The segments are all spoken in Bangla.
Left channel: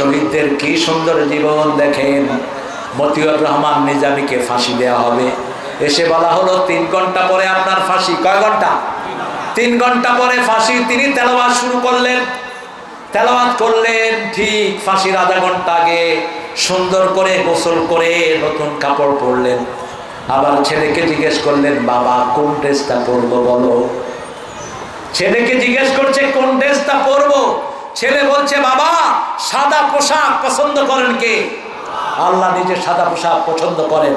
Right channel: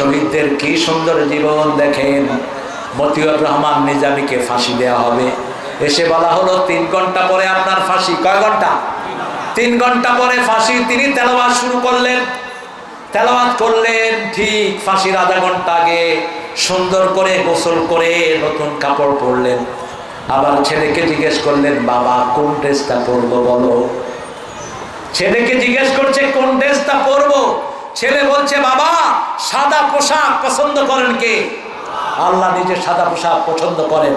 শহীদদের কি সুন্দর জীবন দেখেন। মতিউর রহমান নিজামীকে ফাঁসি দেওয়া হবে, এসে বলা হলো 3 ঘন্টা পরে আপনার ফাঁসি। কয় ঘন্টা? 3 ঘন্টা পরে ফাঁসি। তিনি তেলাওয়াত শুরু করলেন, তেলাওয়াত করলেন। ঠিক ফাঁসির আধা ঘন্টা আগে সুন্দর করে গোসল করে নতুন কাপড় পরলেন। আবার ছেলেকে জিজ্ঞেস করলেন, বাবা কোন ড্রেসটা পরবো বলো। ছেলেকে জিজ্ঞেস করছে কোন ড্রেসটা পরবো। ছেলে বলছে, বাবা সাদা পোশাক পছন্দ করেন কে? আল্লাহ নিজে সাদা পোশাক পছন্দ করেন।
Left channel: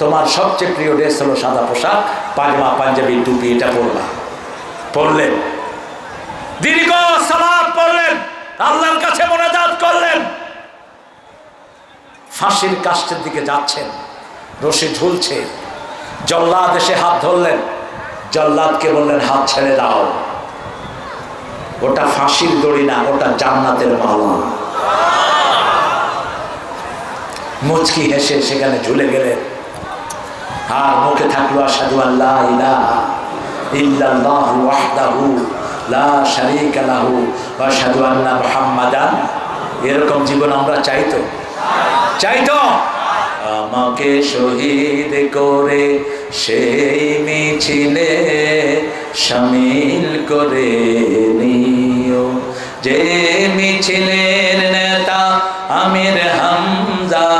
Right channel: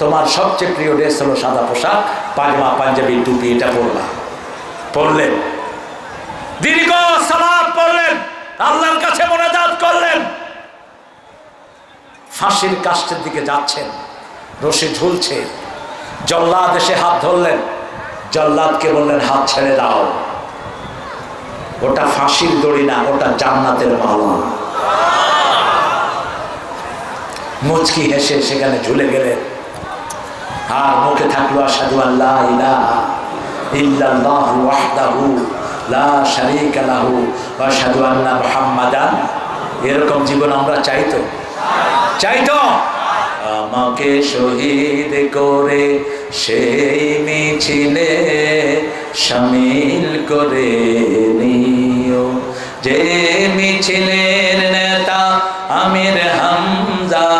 তোমার সবচেয়ে প্রিয় ড্রেস হলো সাদা পোশাক, পায়জামা পাঞ্জাবি টুপি এটা পরবা। পড়লেন, দীর্ঘ সালাত পড়লেন, আল্লাহর কাছে মোনাজাত করলেন। ফাঁসির কাষ্ঠের দিকে যাচ্ছেন, রশি ঝুলছে। জল্লাদ এসে হাত ধরলেন, জল্লাদকে বললেন হাত ছেড়ে দাও। ওটা ফাঁসির দড়ি না, ওটা জান্নাতের মালা। মুচকি হেসে সেখানে ঝুলে গেলেন। আর মুখে থাকলো আশহাদু আল্লা ইলাহা ইল্লাল্লাহু ওয়াহদাহু লা শারীকা লাহু ওয়া আশহাদু আন্না মুহাম্মাদান। এরকম জীবন আমরা চাইতো? চাইতো? আমাকে শহীদ করে সেই মিছিলে শামিল করে নিও, যে মিছিলের নেতা আমির হামজা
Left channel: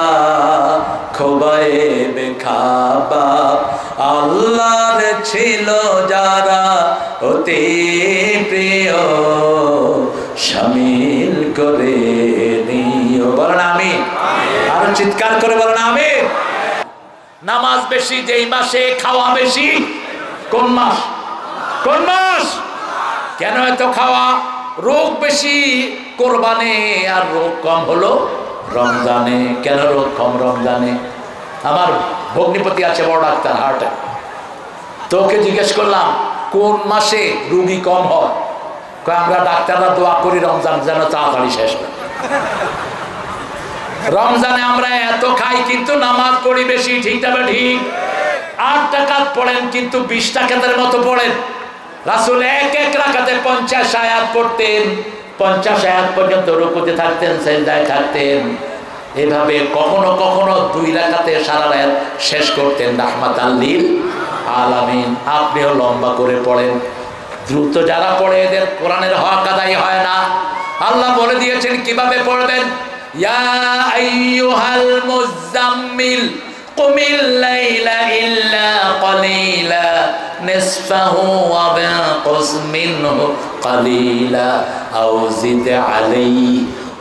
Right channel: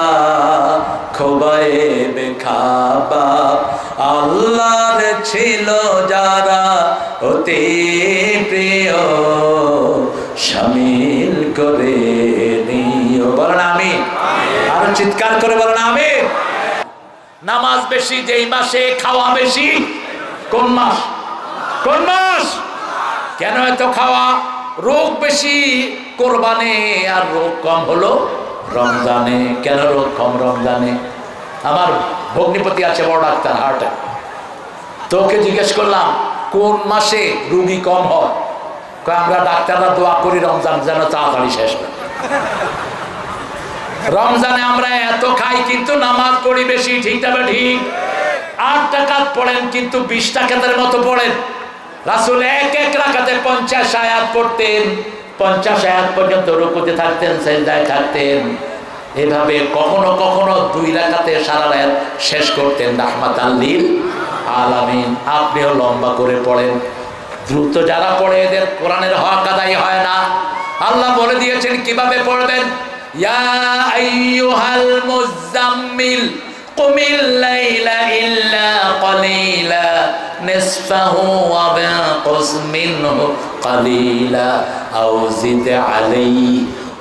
খোবায়েব খাবাব আল্লাহর ছিল যারা অতি প্রিয় শামিল করে নিও। বলেন আমিন। আর চিৎকার করে বলেন আমিন। নামাজ বেশি যেই মাসে, খাওয়া বেশি কোন মাস? কোন মাস? কেন এত খাওয়া? রোগ বেশি কোরবানে, আর রোগ কম হলো রমজানে। কেন রোগ কম রমজানে? আমার ভগ্নিপতি আছে বড় ডাক্তার, হার্টে। তোকে জিজ্ঞেস করলাম কোন মাসে রোগী কম হয়? আমরা ডাক্তাররা দোয়া করি রমজান যেন তাড়াতাড়ি শেষ হয়। রমজানে আমরা এত খাই কিন্তু নামাজ পড়ি বেশি, ঠিক না ঠিক? 8 রাকাত পড়েন কিন্তু 20 রাকাতের মতো পড়েন। রাসূল এক রাকাতে 50 আয়াত পড়তেন, 50 আয়াত পর্যন্ত রুকুতে থাকতেন, সিজদায় থাকতেন। এভাবে কখনো কখনো 2 রাকাতে সারা রাত শেষ করতেন রাহমাতাল লিল আলামিন। আপনিও লম্বা করে পড়েন। দ্রুত যারা পড়ে এদের কোরআনের হক আদায় হয় না। আল্লাহ বলে দিয়েছেন কিভাবে পড়বেন। ইয়া আইয়ুহাল মুযাম্মিল কুমিল লাইলা ইল্লা ক্বালিলা নিসফাহু ওয়া বিনকুস মিনহু ক্বালিলা আও জিদ আলাইহি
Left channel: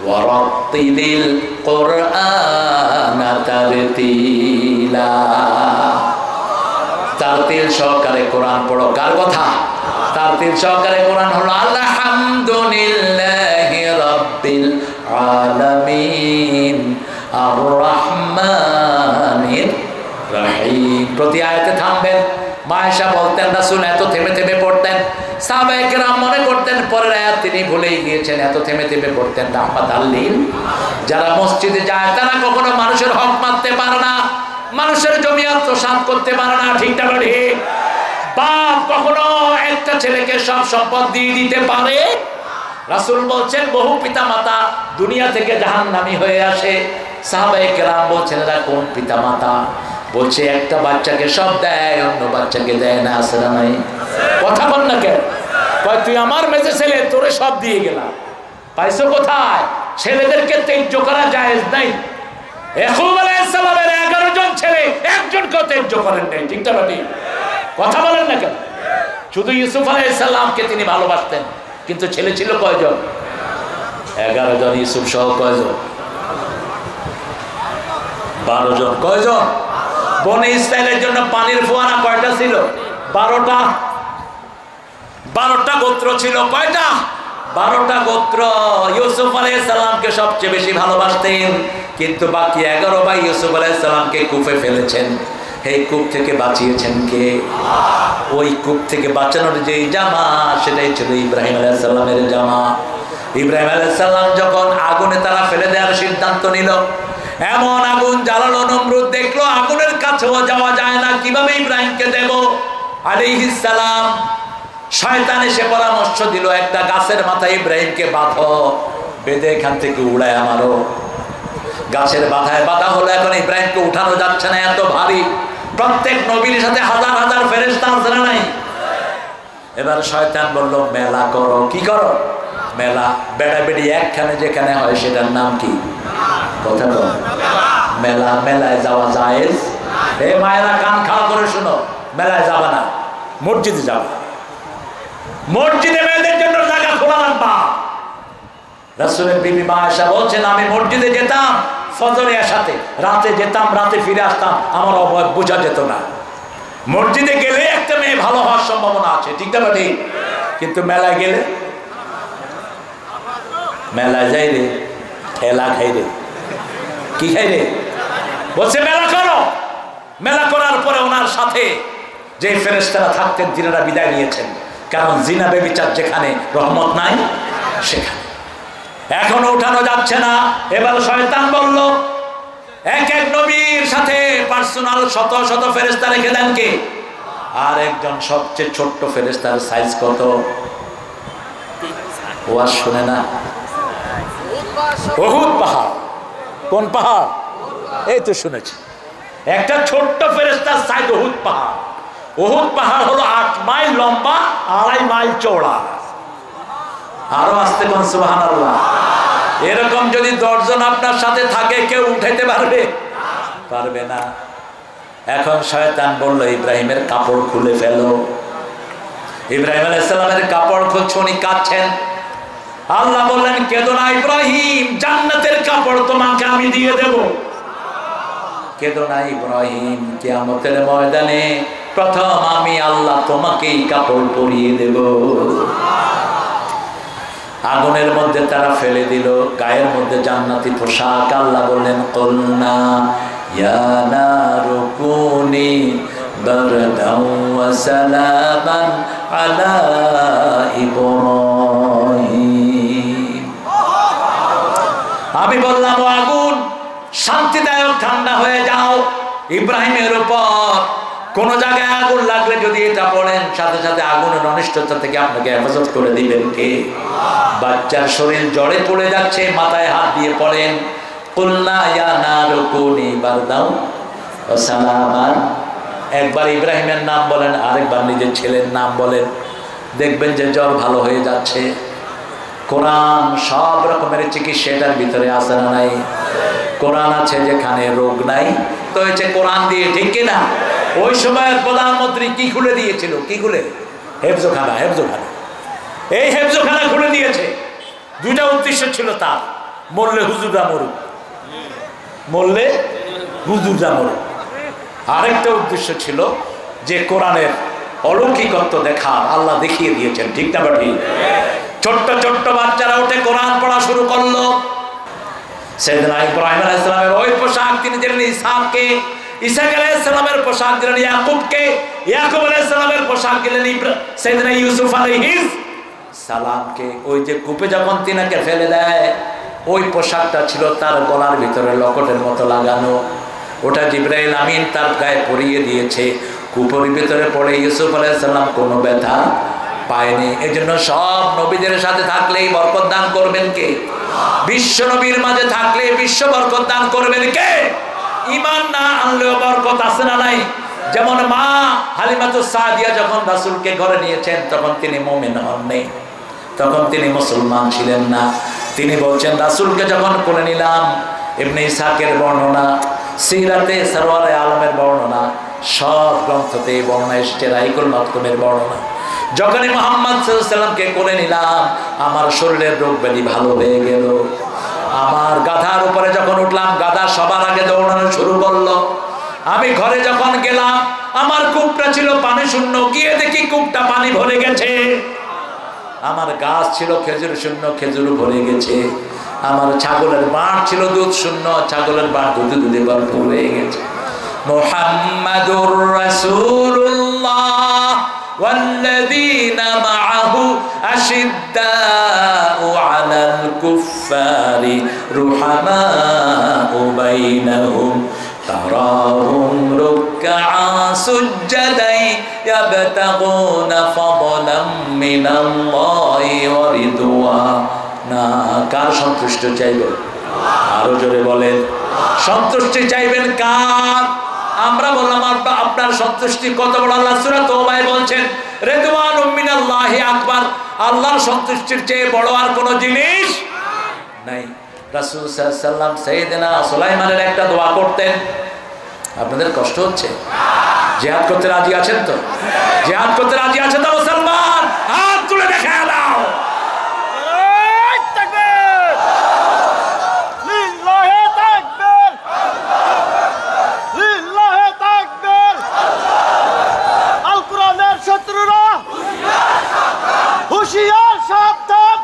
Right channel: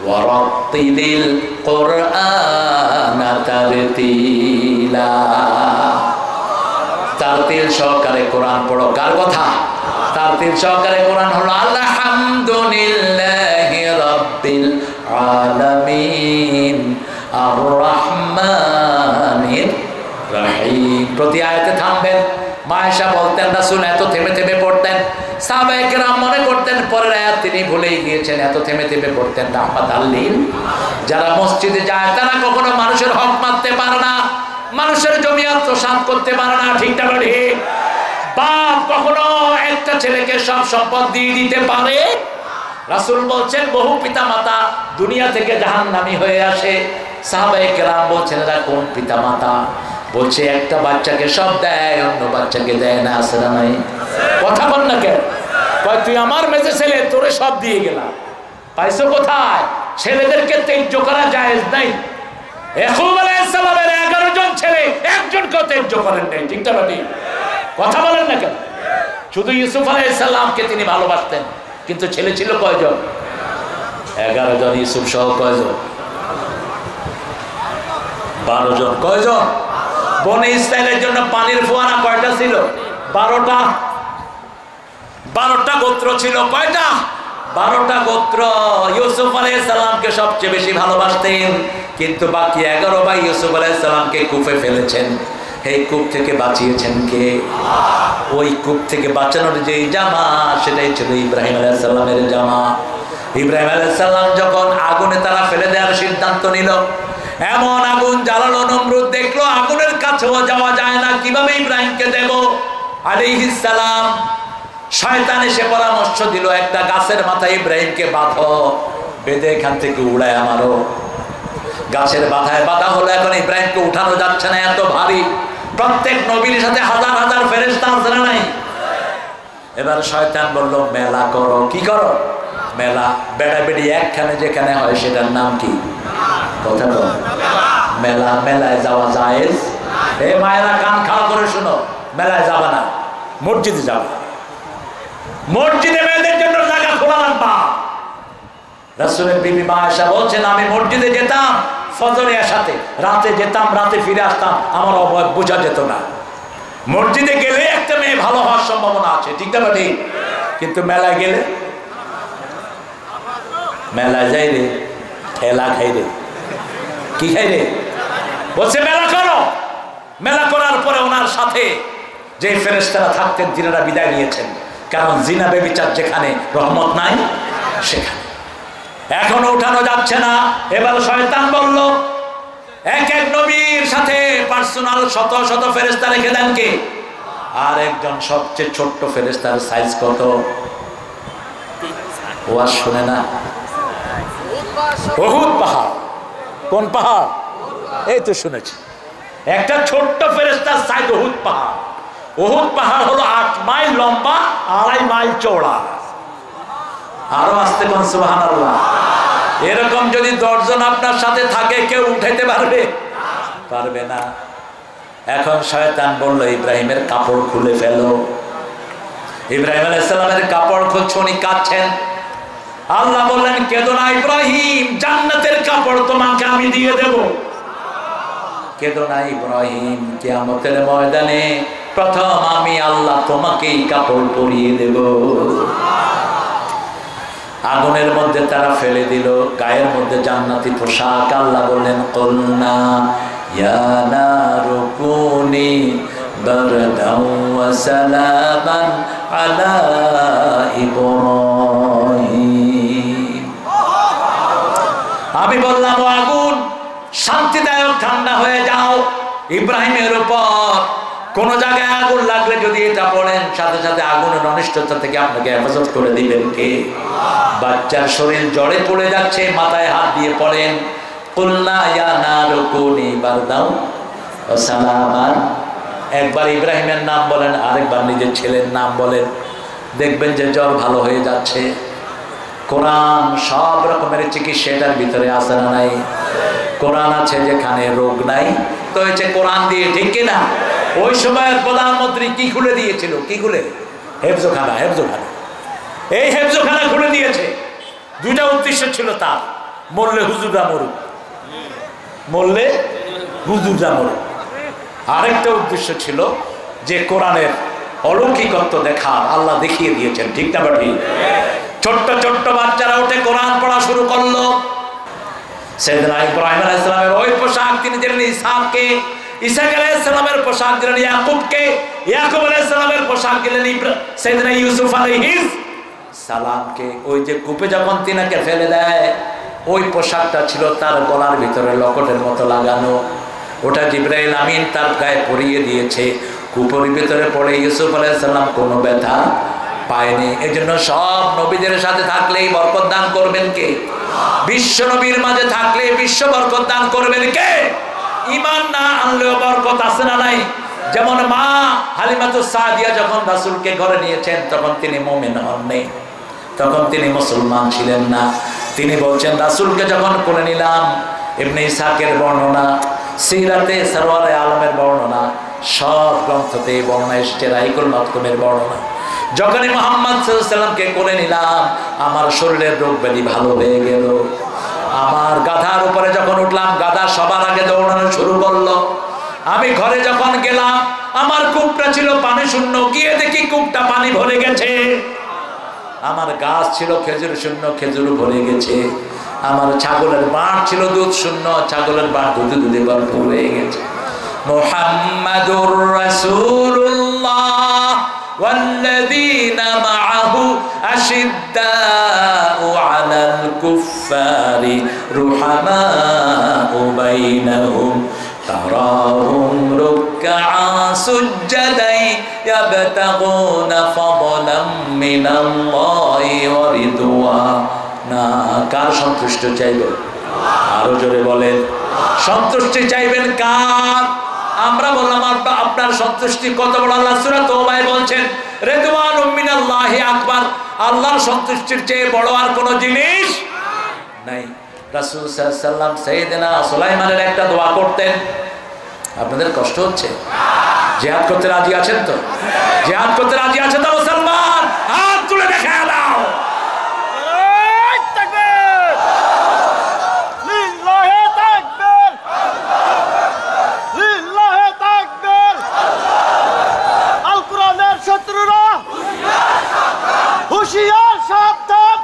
ওয়া রাত্তিলিল কুরআনা তারতিলা। তারতিল সহকারে কোরআন পড়ো। কার কথা? তারতিল সহকারে কোরআন হলো আলহামদুলিল্লাহি রাব্বিল আলামিন আর রহমানির রহিম। প্রতি আয়াতে থামবেন। মায়েশা বলতেন রাসূল এত থেমে থেমে পড়তেন, সাহাবায়ে কেরাম মনে করতেন পরের আয়াত তিনি ভুলেই গিয়েছেন, এত থেমে থেমে পড়তেন রাহমাতাল লিল। যারা মসজিদে যায় তারা কখনো মানুষের হক মারতে পারে না, মানুষের জমি আত্মসাৎ করতে পারে না, ঠিক না ঠিক? বাপ কখনো একটা ছেলেকে সব সম্পদ দিয়ে দিতে পারে? রাসূল বলছেন বহু পিতা মাতা দুনিয়া থেকে জাহান্নামী হয়ে আসে। সাহাবায়ে কেরাম বলছেন এরা কোন পিতা মাতা? বলছে একটা বাচ্চাকে সব দেয়, অন্য বাচ্চাকে দেয় না। আছে না নাই? কথা বল না কেন? কয় তুই আমার মেজে ছেলে, তোরে সব দিয়ে গেলাম। পাইছো কোথায়? ছেলেদেরকে তেজ্য করা জায়েজ নাই। ইয়াকুব আলাইহিস সালামের 11 জন ছেলে, একজনকেও তেজ্য করেন নাই, ঠিক না ঠিক? কথা বলেন না কেন? শুধু ইউসুফ আলাইহিস সালামকে তিনি ভালোবাসতেন, কিন্তু ছেলে ছিল কয়জন? 11 জন। ইউসুফ সহ কয়জন? 12 জন। কয়জন? বনে ইসরায়েলের জন্য পানির ফোয়ারা কয়টা ছিল? 12টা। 12টা গোত্র ছিল। কয়টা? 12টা গোত্র। ইউসুফ আলাইহিস সালামকে সবচেয়ে বেশি ভালোবাসতেন, কিন্তু বাকি 11 ভাই ইউসুফ আলাইহিস সালামকে কূপে ফেলেছেন। এই কূপ থেকে বাঁচিয়েছেন কে? ওই কূপ থেকে বাঁচানোর যে জামা, সেটাই ছিল ইব্রাহিম আলাইহিস সালামের জামা। ইব্রাহিম আলাইহিস সালাম যখন আগুনে তারা ফেলে দেওয়ার সিদ্ধান্ত নিল, এমন আগুন জ্বালালো, নমরুদ দেখলো আগুনের কাছেও যাওয়া যায় না, কিভাবে ইব্রাহিমকে দেব আলাইহিস সালাম। শয়তান এসে পরামর্শ দিল একটা গাছের মাথায় ইব্রাহিমকে বাঁধো, বেঁধে এখান থেকে উড়ায় আমারও। গাছের বাধায় বাধা হলো, এখন ইব্রাহিমকে উঠানো যাচ্ছে না, এত ভারী। প্রত্যেক নবীর সাথে হাজার হাজার ফেরেশতা আছে না নাই? এবার শয়তান বলল মেলা করো। কি করো? মেলা। বেড়া বেড়ি একখানে যেখানে হয় সেটার নাম কি? কথা বল। মেলা। মেলায় যাওয়া জায়েজ? এই মায়েরা কান খাওয়া করে শোনো, মেলায় যাবে না, মসজিদে যাবে। মসজিদে মেয়েদের জন্য জায়গা খোলা রাখবা। রাসূলের বিবি মা আয়েশা বলছেন, আমি মসজিদে যেতাম ফজরের সাথে, রাতে যেতাম, রাতে ফিরে আসতাম, আমার অবয়ব বোঝা যেত না। মসজিদে গেলে একটা মেয়ে ভালো হওয়ার সম্ভাবনা আছে, ঠিক না ঠিক? কিন্তু মেলায় গেলে, মেলায় যাই রে ঠেলা খাই রে। কি খাই রে? বলছে মেলা করো। মেলা করার পরে ওনার সাথে যে ফেরেশতারা থাকতেন তিনারা বিদায় নিয়েছেন, কারণ জিনা বেবিচার যেখানে রহমত নাই সেখানে। এখনো উঠানো যাচ্ছে না। এবার শয়তান বলল, এক এক নবীর সাথে পার্সোনাল শত শত ফেরেশতা রেখে দেন কে? আর একজন সবচেয়ে ছোট্ট ফেরেশতার সাইজ কত? ও আর শুনে না। উহুদ পাহাড়। কোন পাহাড়? এই তো শুনেছি। একটা ছোট্ট ফেরেশতার সাইজ উহুদ পাহাড়। উহুদ পাহাড় হলো 8 মাইল লম্বা, 2.5 মাইল চওড়া। আরো আসতে কোন সুবহানাল্লাহ। এরকম যদি 10 জন আপনার সাথে থাকে, কেউ উঠাইতে পারবে? পারবে না। এখন শয়তান বলল, ইব্রাহিমের কাপড় খুলে ফেলো। ইব্রাহিম আলাইহিস সালামের কাপড় খুলছে, উনি কাঁদছেন। আল্লাহ বললেন, কেঁদো না ইব্রাহিম, জান্নাতের কাপড় তোমাকে আমি দিয়ে দেব। কেঁদো না ইব্রাহিম, কিয়ামতের ময়দানে প্রথম আমি আল্লাহ তোমাকেই কাপড় পরিয়ে দেব। আগুনের মধ্যে তারা ফেলে দিল, গায়ের মধ্যে জান্নাতি পোশাক। আল্লাহ বললেন, কুলনা ইয়া নারু কুনি বারদাও ওয়া সালামান আলা ইব্রাহিম। আমি বললাম, ও আগুন, শান্তিদায়ক ঠান্ডা হয়ে যাও ইব্রাহিমের উপর। কোন জায়গায় আগুন লাগলে যদি এটা পড়েন, সাথে সাথে আগুনের অনিষ্টতা থেকে আপনাকে হেফাজত করে দিবেন কে? বাচ্চার শরীর জ্বরে পড়ে যাচ্ছে, মাথায় হাত দিয়ে পড়েন, কুলনা ইয়া নারু কুনি বারদাও ওয়া সালামান। একবার ইব্রাহিমের নাম বলেন, আরেকবার নিজের ছেলের নাম বলেন, দেখবেন যে জ্বর ভালো হয়ে যাচ্ছে। কোরআন সব রকমের চিকিৎসা এটার ভিতরে আছে না নাই? কোরআন আছে যেখানে রোগ নাই, তো হয়েছে কোরআন দিয়ে, ঠিক কিনা? ওই সময়ের প্রধানমন্ত্রী কি খুলে দিয়েছিল? কি খুলে? হেফজোখানা। হেফজোখানা। এই হেফজোখানা খুলে দিয়েছে। দুইটা উদ্দেশ্য ছিল তার, মরলে হুজুররা মরুক, মরলে হুজুররা মরুক। আরেকটা উদ্দেশ্য ছিল যে কোরআনের অলৌকিকত্ব দেখা, আল্লাহ দেখিয়ে দিয়েছেন, ঠিক না ঠিক? ছোট্ট ছোট্ট বাচ্চারা উঠে কোরআন পড়া শুরু করলো। সাইয়েদনা ইব্রাহিম আলাইহিস সালামের ওই পোশাক তিনি দিলেন ইসহাককে, ইসহাক আলাইহিস সালামের পোশাক দিলেন ইয়াকুবকে, ইয়াকুব আলাইহিস সালামের পোশাক দিলেন সাইয়েদনা ইউসুফ আলাইহিস সালামকে। ওই যে কূপে যখন তিনাকে ফেলে দেয়, ওই পোশাকটা ছিল তার গলার ভিতরে লকেটের মতো লাগানো। ওটা জিবরাইল আমিন তার গায়ে পরিয়ে দিয়েছে। কূপের ভিতরে পড়ে ইউসুফ আলাইহিস সালাম কোনো ব্যথা পায়নি। এজন্য সব নবীদের সাথে থাকলেই বরকত দান করবেন কে? বিশ্ব নবীর মাঝে থাকলে বিশ্ব বরকত দান করবেন কে? ঈমান না আনলেও বরকত আছে না নাই? যেমন মা হালিমাতুস সাদিয়া যখন রাসূলকে ঘরে নিয়েছেন, তখন তিনি মুমিন হননি, তখন তিনি মুসলমান ছিলেন না। তিনি বলছেন, রাসূলকে যখন কোলে নিলাম, ইবনে ইসহাকের বর্ণনা, সিরাতে সরওয়ারে আলমের বর্ণনা, সব গ্রন্থতে বর্ণনা এসেছে, রাইকুল মাকতুমের বর্ণনা। যখনই মুহাম্মদ সাল্লাল্লাহু আলাইহি সাল্লামকে কোলে নিলাম, আমার শরীরের রোগ ব্যাধি ভালো হয়ে গেল। আমার গাধার উপরে যখন উঠলাম, গাধা সবার আগে দৌড়ানো শুরু করলো। আমি ঘরে যখন গেলাম, আমার কূপটা ছিল পানি শূন্য, গিয়ে দেখি কূপটা পানি ভরে গেছে। আমার গাছ ছিল খেজুর শূন্য, খেজুর ভরে গেছে। আমার ছাগলের বাঁট ছিল দুধ শূন্য, ছাগলের বাঁট দুধে দুধে ভরপুর হয়ে গেছে। মুহাম্মাদুর রাসূলুল্লাহ والذين معه أشداء على الكفار رحماء بينهم تراهم ركعا سجدا يبتغون فضلا من الله ورضوانا না। কার সন্তুষ্টি চাইবেন? আরো জোরে বলেন, সন্তুষ্টি চাইবেন কার? আমরা বললাম আপনার সন্তুষ্টি কত বড়। আল্লাহ সূরা তাওবায় বলছেন রিদওয়ানুম মিনাল্লাহি আকবার, আল্লাহর সন্তুষ্টির চেয়ে বড় আর কোনো জিনিস নাই। রাসূল সাল্লাল্লাহু আলাইহি ওয়াসাল্লাম সাইয়েদনা সুলাইমানের একটা দোয়া করতেন। আপনাদের কষ্ট হচ্ছে? জিহাদ করতে রাজি আছেন তো? জিহাদ করতে রাজি আছেন তো মুসলমান? হাত তুলে দেখায় দাও। হুশিয়ার সাবধান,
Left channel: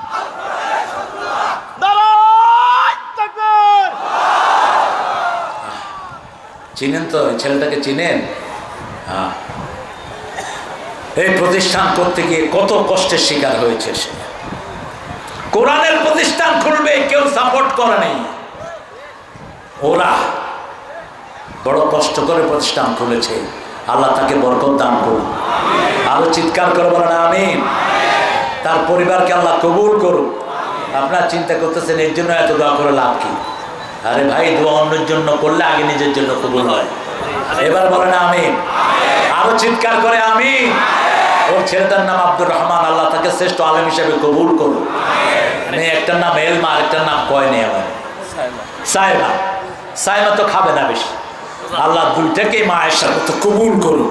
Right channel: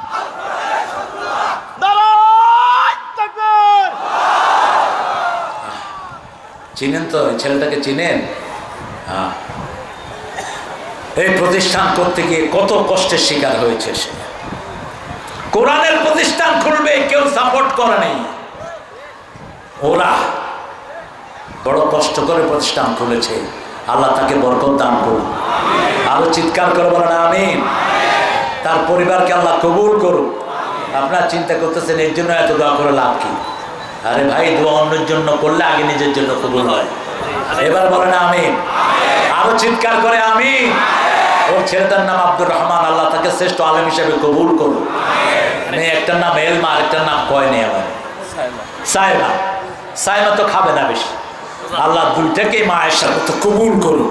চিনেন তো এই ছেলেটাকে? চিনেন? হ্যাঁ, এই প্রতিষ্ঠান করতে গিয়ে কত কষ্টের শিকার হয়েছে সে। কোরআনের প্রতিষ্ঠান খুলবে, কেউ সাপোর্ট করে নেই। ওরা বড় কষ্ট করে প্রতিষ্ঠান খুলেছে। আল্লাহ তাকে বরকত দান করুন। আরো চিৎকার করে বলেন আমিন। তার পরিবারকে আল্লাহ কবুল করুন। আপনারা চিন্তা করতেছেন এর জন্য এত দোয়া করে লাভ কি? আরে ভাই, দোয়া অন্যের জন্য করলে আগে নিজের জন্য কবুল হয়। এবার বলেন আমিন। আরো চিৎকার করে আমিন। ওর ছেলেটার নাম আব্দুর রহমান, আল্লাহ তাকে শ্রেষ্ঠ আলেম হিসেবে কবুল করুন। একটার নাম এলমা, আরেকটার নাম কয়নি আমার সাইমা। সাইমা তো খাবে না বেশি। আল্লাহ দুইটাকেই মায়ের সাথে তো কবুল করুন।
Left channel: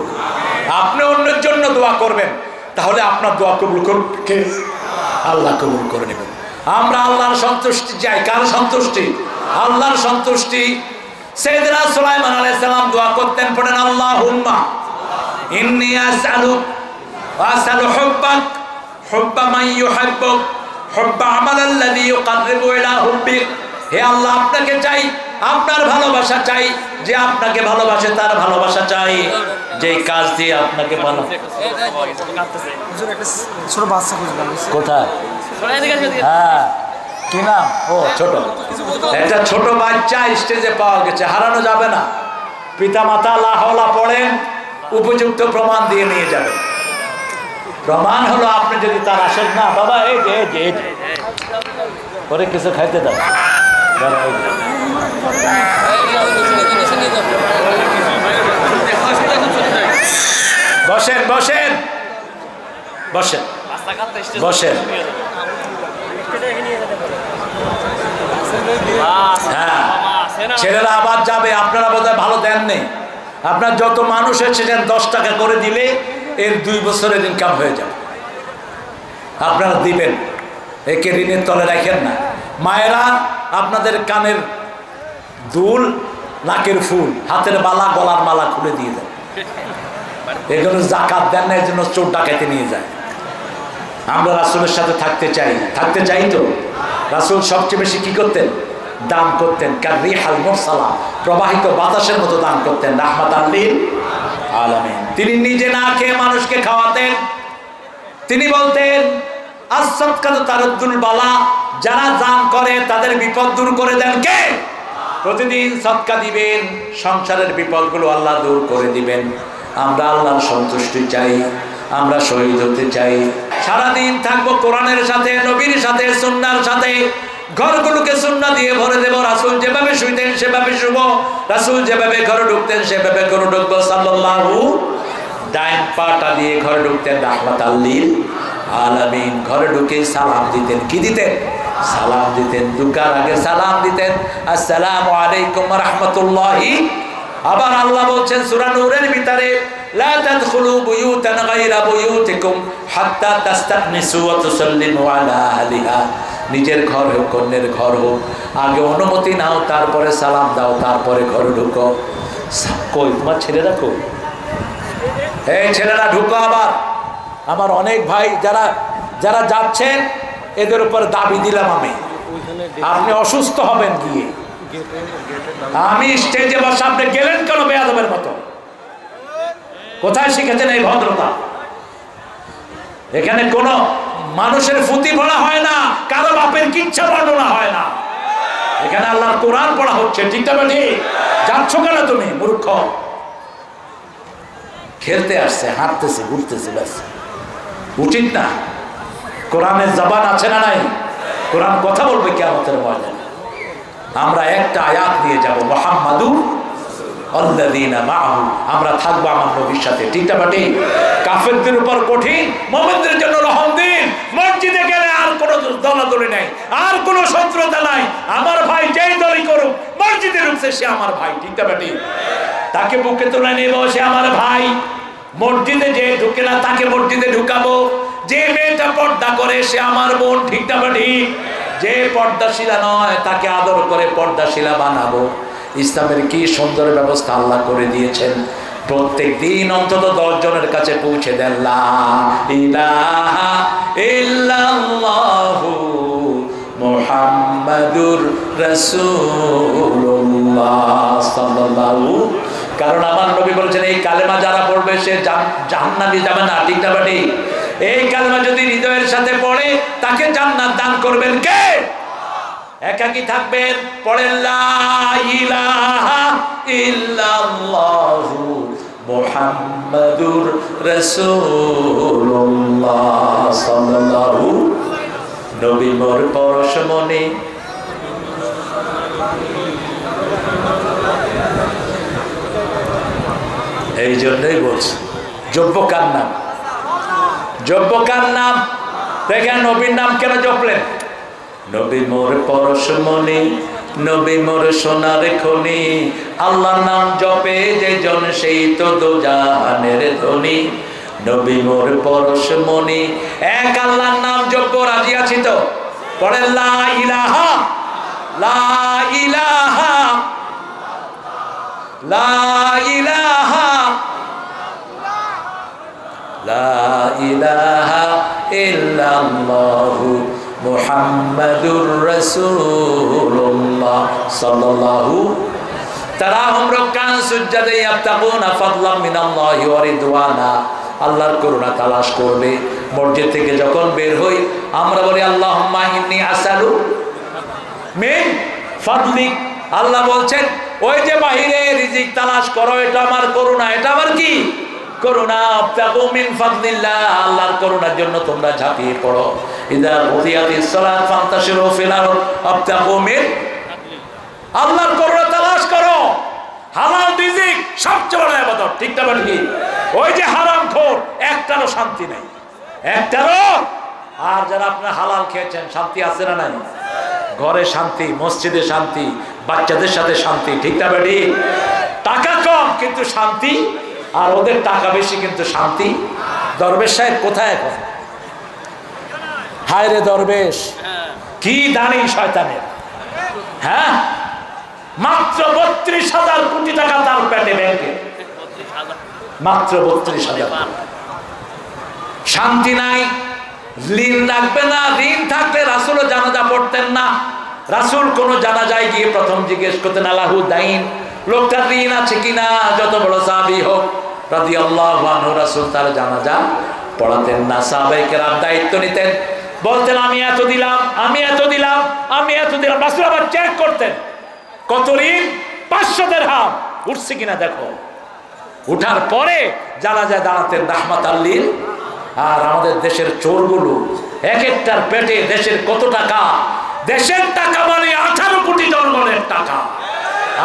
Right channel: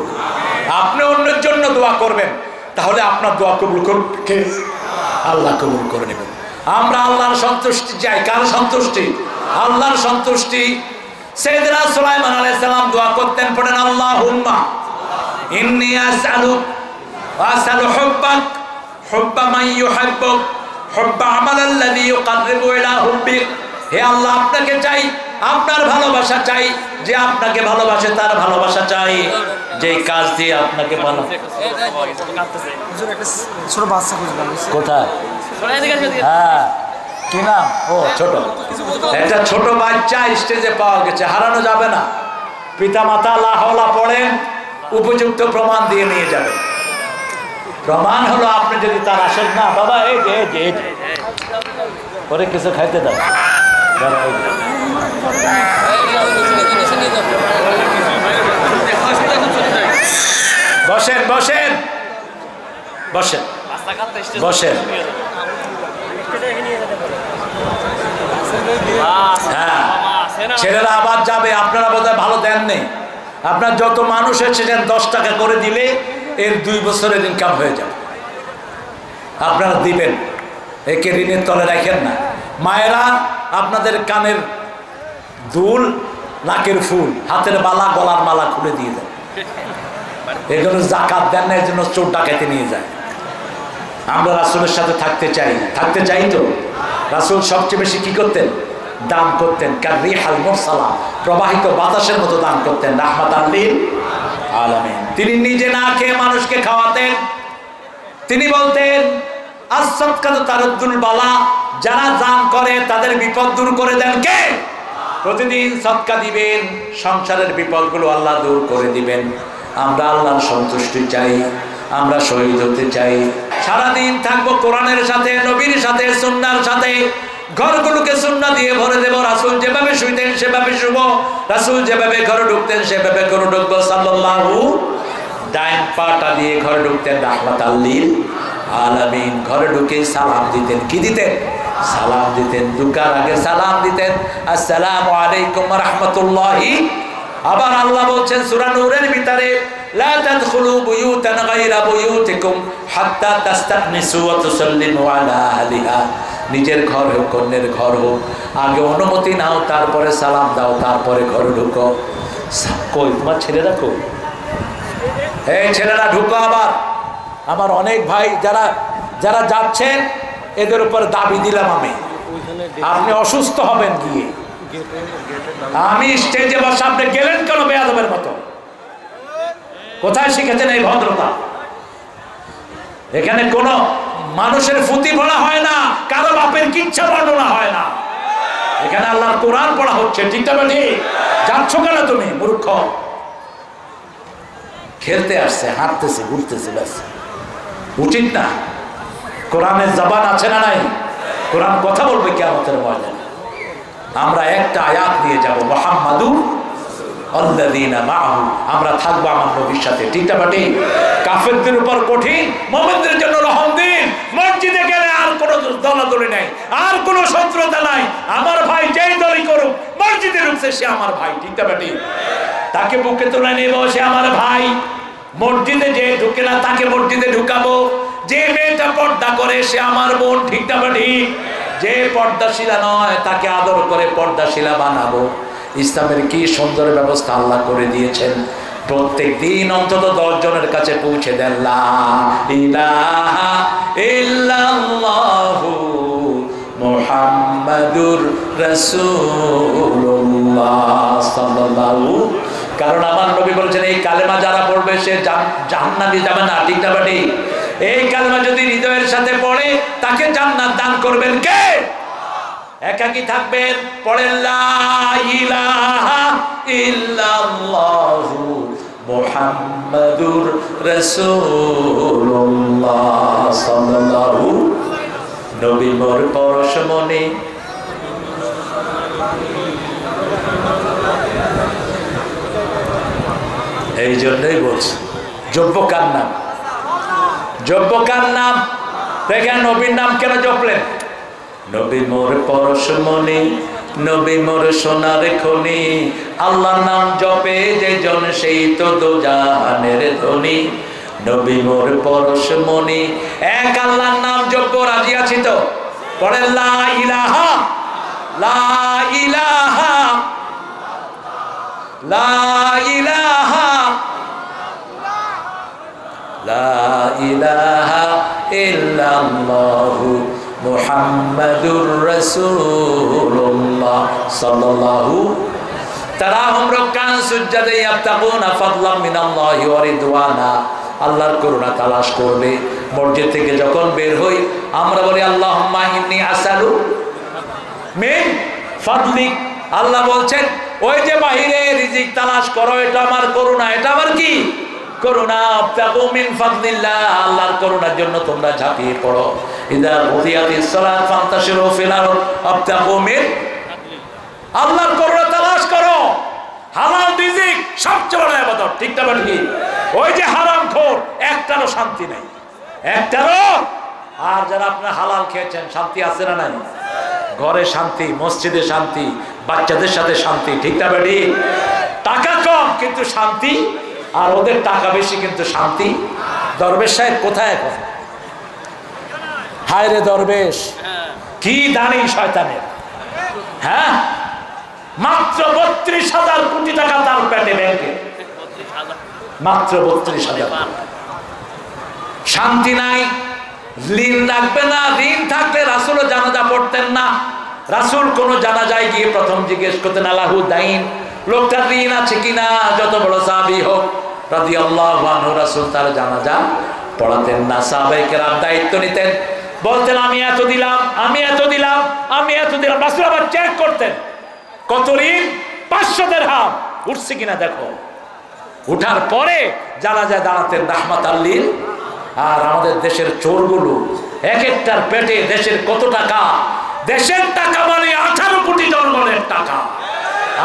আপনি অন্যের জন্য দোয়া করবেন, তাহলে আপনার দোয়া কবুল করুন কে? আল্লাহ কবুল করে নেবেন। আমরা আল্লাহর সন্তুষ্টি চাই। কার সন্তুষ্টি? আল্লাহর সন্তুষ্টি। সাইয়েদনা সুলাইমান আলাইহিস সালাম দোয়া করতেন, পড়েন আল্লাহুম্মা ইন্নী আসআলুক ওয়া আসআলু হুব্বাক হুব্বা মান ইউহিব্বুক হুব্বা আমালাল্লাযী ইউকাররিবু ইলা হুব্বিক। হে আল্লাহ, আপনাকে চাই, আপনার ভালোবাসা চাই। যে আপনাকে ভালোবাসে তার ভালোবাসা চাই, যে কাজ দিয়ে আপনাকে ভালো। কোথায়? হ্যাঁ, কি নাম? ও ছোট, একটা ছোট বাচ্চা স্টেজে পাওয়া গেছে, হারানো যাবে না। পিতা মাতা লা হাওলা পড়েন, উপযুক্ত প্রমাণ দিয়ে নিয়ে যাবে। প্রমাণ হলো আপনি যদি তার আসেন না, বাবা এই যে এই যে এই যে পরে কিছু খাইতে দেন। বসেন বসেন বসেন বসেন। হ্যাঁ, ছেলেরা আবার যাবে। আপনারা বোধহয় ভালো দেন নেই। আপনার যত মানুষ এসেছেন 10 টাকা করে দিলে এর 2 বছরের ইনকাম হয়ে যাবে। আপনারা দিবেন, একে ঋণের তলে রাখেন না। মায়েরা আপনাদের কানের দুল, নাকের ফুল, হাতের মালা, গলার মালা খুলে দিয়ে দেন। এগুলো জাকাত দেন না, এর জন্য চোর ডাকাইতে নিয়ে যায়। আমরা রাসূলের সাথে থাকতে চাই। থাকতে চাই তো। রাসূল সবচেয়ে বেশি কি করতেন? দান করতেন। কাররিহাল মুরসালা, প্রবাহিত বাতাসের মতো দান করতেন। রাহমাতাল লিল আলামিন। তিনি নিজে না খেয়ে মানুষকে খাওয়াতেন। তিনি বলতেন as-সাদকাতু তারুদ্দুল বালা, যারা দান করে তাদের বিপদ দূর করে দেন কে? প্রতিদিন সদকা দিবেন, সংসারের বিপদগুলো আল্লাহ দূর করে দিবেন। আমরা আল্লাহর সন্তুষ্টি চাই, আমরা শহীদ হতে চাই। সারাদিন থাকবো কোরআনের সাথে, নবীর সাথে, সুন্নাহর সাথে। ঘরগুলোকে সুন্নাহ দিয়ে ভরে দেব। রাসূল যেভাবে শুইতেন সেভাবে শুব, রাসূল যেভাবে ঘরে ঢুকতেন সেভাবে ঘরে ঢুকবো। সাল্লাল্লাহু। ডাইন পাটা দিয়ে ঘরে ঢুকতেন রাহমাতাল লিল আলামিন। ঘরে ঢুকে সালাম দিতেন। কি দিতেন? সালাম দিতেন। ঢুকার আগে সালাম দিতেন, আসসালামু আলাইকুম ওয়া রাহমাতুল্লাহি। আবার আল্লাহ বলছেন সূরা নূরের ভিতরে, লা তাদখুলু বুয়ুতান গায়রা বুয়ুতিকুম হাত্তা তাস্তানিসু ওয়া তুসাল্লিমু আলা আহলিহা। নিজের ঘর হোক, অন্যের ঘর হোক, আগে অনুমতি নাও, তারপরে সালাম দাও, তারপরে ঘরে ঢুকো। কই তোমার ছেলেরা কই? এই ছেলেরা ঢুকো। আবার আমার অনেক ভাই যারা যারা যাচ্ছেন, এদের উপর দাবি দিলাম আমি, আপনি অসুস্থ হবেন গিয়ে। আমি স্টেজে বসে, আপনি গেলেন কেন বেয়াদবের মতো? কোথায় শিখেছেন এই ভদ্রতা? এখানে কোনো মানুষের ফুতি পড়া হয় না, কারো বাপের কিচ্ছা বর্ণনা হয় না। এখানে আল্লাহর কোরআন পড়া হচ্ছে। ঠিক না ঠিক? যাচ্ছ কেন তুমি মূর্খ? খেলতে আসছে, হাঁটতেছে, ঘুরতেছে, ব্যাস। উচিত না? কোরআনের জবান আছে না নাই? কোরআন কথা বলবে কিয়ামতের ময়দানে। আমরা একটা আয়াত নিয়ে যাব, মুহাম্মাদুর আল্লাযীনা মাআহু, আমরা থাকবো আমার নবীর সাথে। ঠিক না বাটি? কাফেরদের উপর কঠিন, মুমিনদের জন্য রহম দিন। মসজিদে গেলে আর কোনো দলাদলি নাই, আর কোনো শত্রুতা নাই। আমার ভাই যেই দলই করুক, মসজিদে ঢুকছে সে আমার ভাই। ঠিক না বাটি? তাকে বুকে তুলে নেব, সে আমার ভাই। মসজিদে যে ঢুকে না তাকে মসজিদে ঢুকাবো। যে মেয়েটা পর্দা করে সে আমার বোন। ঠিক না বাটি? যে পর্দাশীলা নয় তাকে আদর করে পর্দাশীলা বানাবো। ইসলামের কি সুন্দর ব্যবস্থা আল্লাহ করে দিয়েছেন। প্রত্যেক দিন অন্তত 10 জনের কাছে পৌঁছে দেন, লা ইলাহা ইল্লাল্লাহু মুহাম্মাদুর রাসূলুল্লাহ সাল্লাল্লাহু। কারণ আমার নবী বলেছেন এই কালেমা যারা পড়বে সে জাহান্নামে যাবে না। ঠিক না বাটি? এই কালেমা যদি হৃদয়ের সাথে পড়ে তাকে জান্নাত দান করবেন কে? একাকী থাকবেন, পড়েন লা ইলাহা ইল্লাল্লাহু মুহাম্মাদুর রাসূলুল্লাহ সাল্লাল্লাহু। নবী মোর পরশমণি, এই জন্যই বলছি যোগ্য কার নাম? যোগ্য কার নাম? দেখেন নবীর নাম কেন জপলেন? নবী মোর পরশমণি, নবী মোর সোনার খনি, আল্লাহর নাম জপে যে জন সেই তো দোজাহানের ধনী। নবী মোর পরশমণি, এক আল্লাহর নাম জপ রাজি আছি তো? পড়েন লা ইলাহা, লা ইলাহা, লা ইলাহা, লা ইলাহা ইল্লাল্লাহু মুহাম্মাদুর রাসূলুল্লাহ সাল্লাল্লাহু। তারাহুম রাকান সুজদাে ইয়াবতাগুনা ফাদলাম মিনাল্লাহি ওয়া রিদওয়ানা। আল্লাহর করুণা তালাশ করবে। মসজিদ থেকে যখন বের হই আমরা বলি আল্লাহুম্মা ইন্নী আসআলু মিন ফাদলিক। আল্লাহ বলছেন ওই যে বাহিরে রিজিক তালাশ করো, এটা আমার করুণা। এটা আমার কি? করুণা। আবতাগু মিন ফাদলিল্লাহ, আল্লাহর করুণার জন্য তোমরা ঝাঁপিয়ে পড়ো। ইযা কুদিয়াতিস সালাত ফান্তাশিরু ফিল আরদ আবতাগু মিন, আল্লাহর করুণা তালাশ করো। হালাল রিজিক সবচেয়ে বড় ইবাদত। ঠিক না ঠিক? ওই যে হারামখোর একটারও শান্তি নাই, একটারও। আর যারা আপনারা হালাল খেয়েছেন শান্তি আছে না নাই? ঘরে শান্তি, মসজিদে শান্তি, বাচ্চাদের সাথে শান্তি। ঠিক না বেটি? টাকা কম কিন্তু শান্তি, আর ওদের টাকা বেশি কিন্তু শান্তি। দরবেশ সাহেব কোথায় এখন? হায় রে দরবেশ, কি দানি শয়তানের। হ্যাঁ, মাত্র 32,000 কোটি টাকা তার পেটে ব্যাংকে, মাত্র 32,000। শান্তি নাই, ঋণ রাখবে না। ঋণ থাকলে রাসূলও জানাজা পড়তেন না। রাসূল কোন জানাজায় গিয়ে প্রথম জিজ্ঞেস করতেন আলাহু দাইন, লোকটার ঋণ আছে কিনা, যত বড় সাহাবী হোক রাদিয়াল্লাহু আনহু। রাসূল তার জানাজা পড়াতেন না। সাহাবায়ে কেরাম দায়িত্ব নিতেন, বলতেন আমি এত দিলাম, আমি এত দিলাম, আমি এত দিলাম। রাসূল আবার চেক করতেন কত ঋণ, 500 দিরহাম উঠছে কিনা দেখো। উঠার পরে জানাজায় দাঁড়াতেন রাহমাতাল লিল। আর আমাদের দেশের চোরগুলো এক একটার পেটে দেশের কত টাকা। দেশের টাকা মানে 18 কোটি জনগণের টাকা।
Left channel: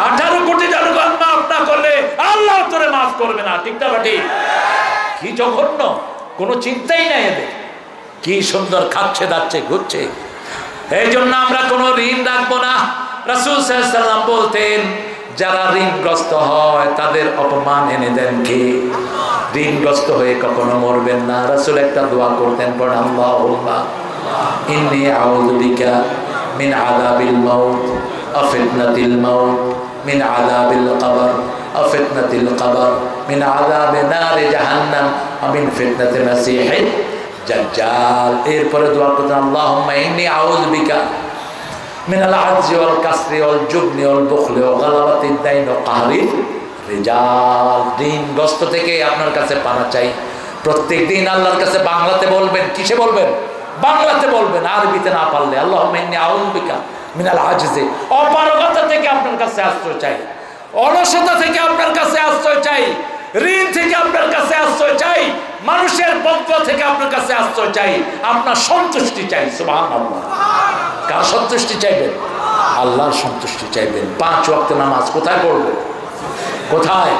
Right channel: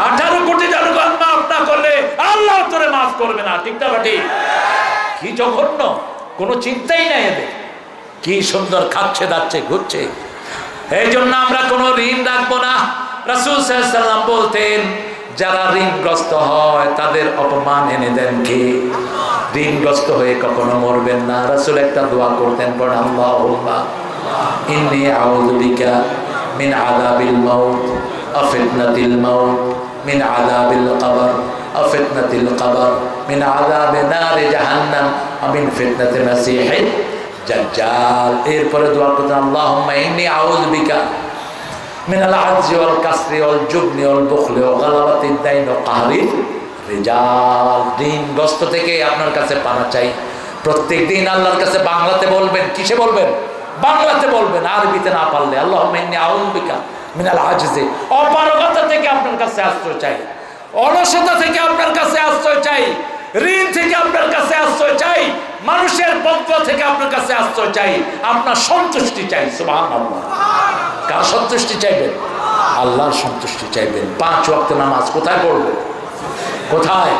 18 কোটি জনগণ মাফ না করলে আল্লাহ তোরে মাফ করবে না। ঠিক না বাটি? কি জঘন্য, কোনো চিন্তাই নাই এদের। কি সুন্দর খাচ্ছে দাচ্ছে ঘুরছে। এই জন্য আমরা কোনো ঋণ রাখবো না। রাসূল সাল্লাল্লাহু আলাইহি ওয়াসাল্লাম বলতেন যারা ঋণগ্রস্ত হয় তাদের অপমান এনে দেন কে? ঋণগ্রস্ত হয়ে কখনো মরবেন না। রাসূল একটা দোয়া করতেন, পড়েন আল্লাহুম্মা ইন্নী আউযু বিকা মিন আযাবিল মাউত ওয়া ফিতনাতিল মাউত, মিন আযাবিল কবর ওয়া ফিতনাতিল কবর, মিন আযাবি নারি জাহান্নাম ওয়া মিন ফিতনাতিল মাসীহিদ দাজ্জাল। এরপরে দোয়া করতেন আল্লাহুম্মা ইন্নী আউযু বিকা মিনাল আজজি ওয়াল কাসরি ওয়াল জুবনি ওয়াল বুখলি ওয়া গালাবাতিদ দাইন ওয়া কাহরির রিজাল। ঋণগ্রস্ত থেকে আপনার কাছে পানা চাই। প্রত্যেক দিন আল্লাহর কাছে বাংলাতে বলবেন। কিসে বলবেন? বাংলাতে বলবেন, আরবিতে না পারলে। আল্লাহুম্মা ইন্নী আউযু বিকা মিনাল আজজি, অপারগতা থেকে আপনার কাছে আশ্রয় চাই, অলসতা থেকে আপনার কাছে আশ্রয় চাই, ঋণ থেকে আপনার কাছে আশ্রয় চাই, মানুষের বদয়া থেকে আপনার কাছে আশ্রয় চাই, আপনার সন্তুষ্টি চাই। সুবহানাল্লাহ। কার সন্তুষ্টি চাইবেন? আল্লাহর সন্তুষ্টি চাইবেন। 5 ওয়াক্ত নামাজ কোথায় পড়বো? কোথায়?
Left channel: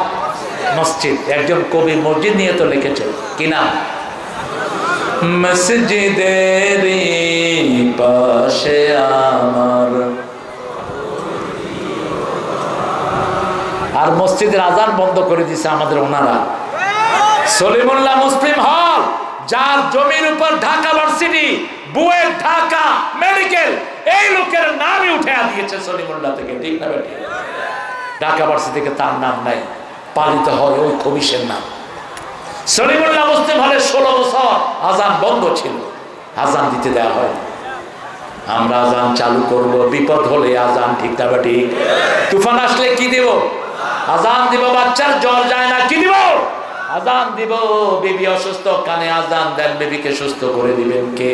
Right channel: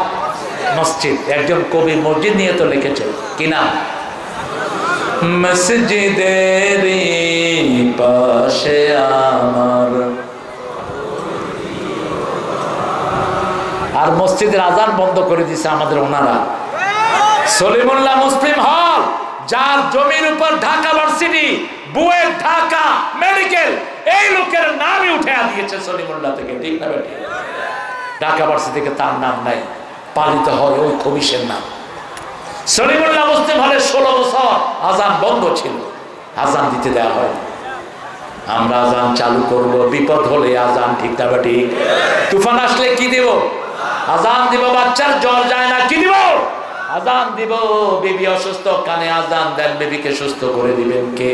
মসজিদ। একজন কবি মসজিদ নিয়ে তো লিখেছেন, কি নাম? মসজিদের পাশে আমার। আর মসজিদের আজান বন্ধ করে দিয়েছে আমাদের ওনারা। সলিমুল্লাহ মুসলিম হল, যার জমির উপর ঢাকা ভার্সিটি, বুয়েট, ঢাকা মেডিকেল, এই লোকের নামই উঠে দিয়েছে সলিমুল্লাহ থেকে, ঠিক না বেটি? ঢাকা ভার্সিটি থেকে তার নাম নাই, পালিত হয় ওই খবিশের নাম। সলিমুল্লাহ মুসলিম হলে 16 বছর আজান বন্ধ ছিল, আজান দিতে দেওয়া হয়। আমরা আজান চালু করব, বিপদ হলে আজান, ঠিক না বেটি? তুফান আসলে কি দিব? আজান দিব। বাচ্চার জ্বর যায় না, কি দিব? আজান দিব। বেবি অসুস্থ, কানে আজান দেন, বেবিকে সুস্থ করে দিবেন কে?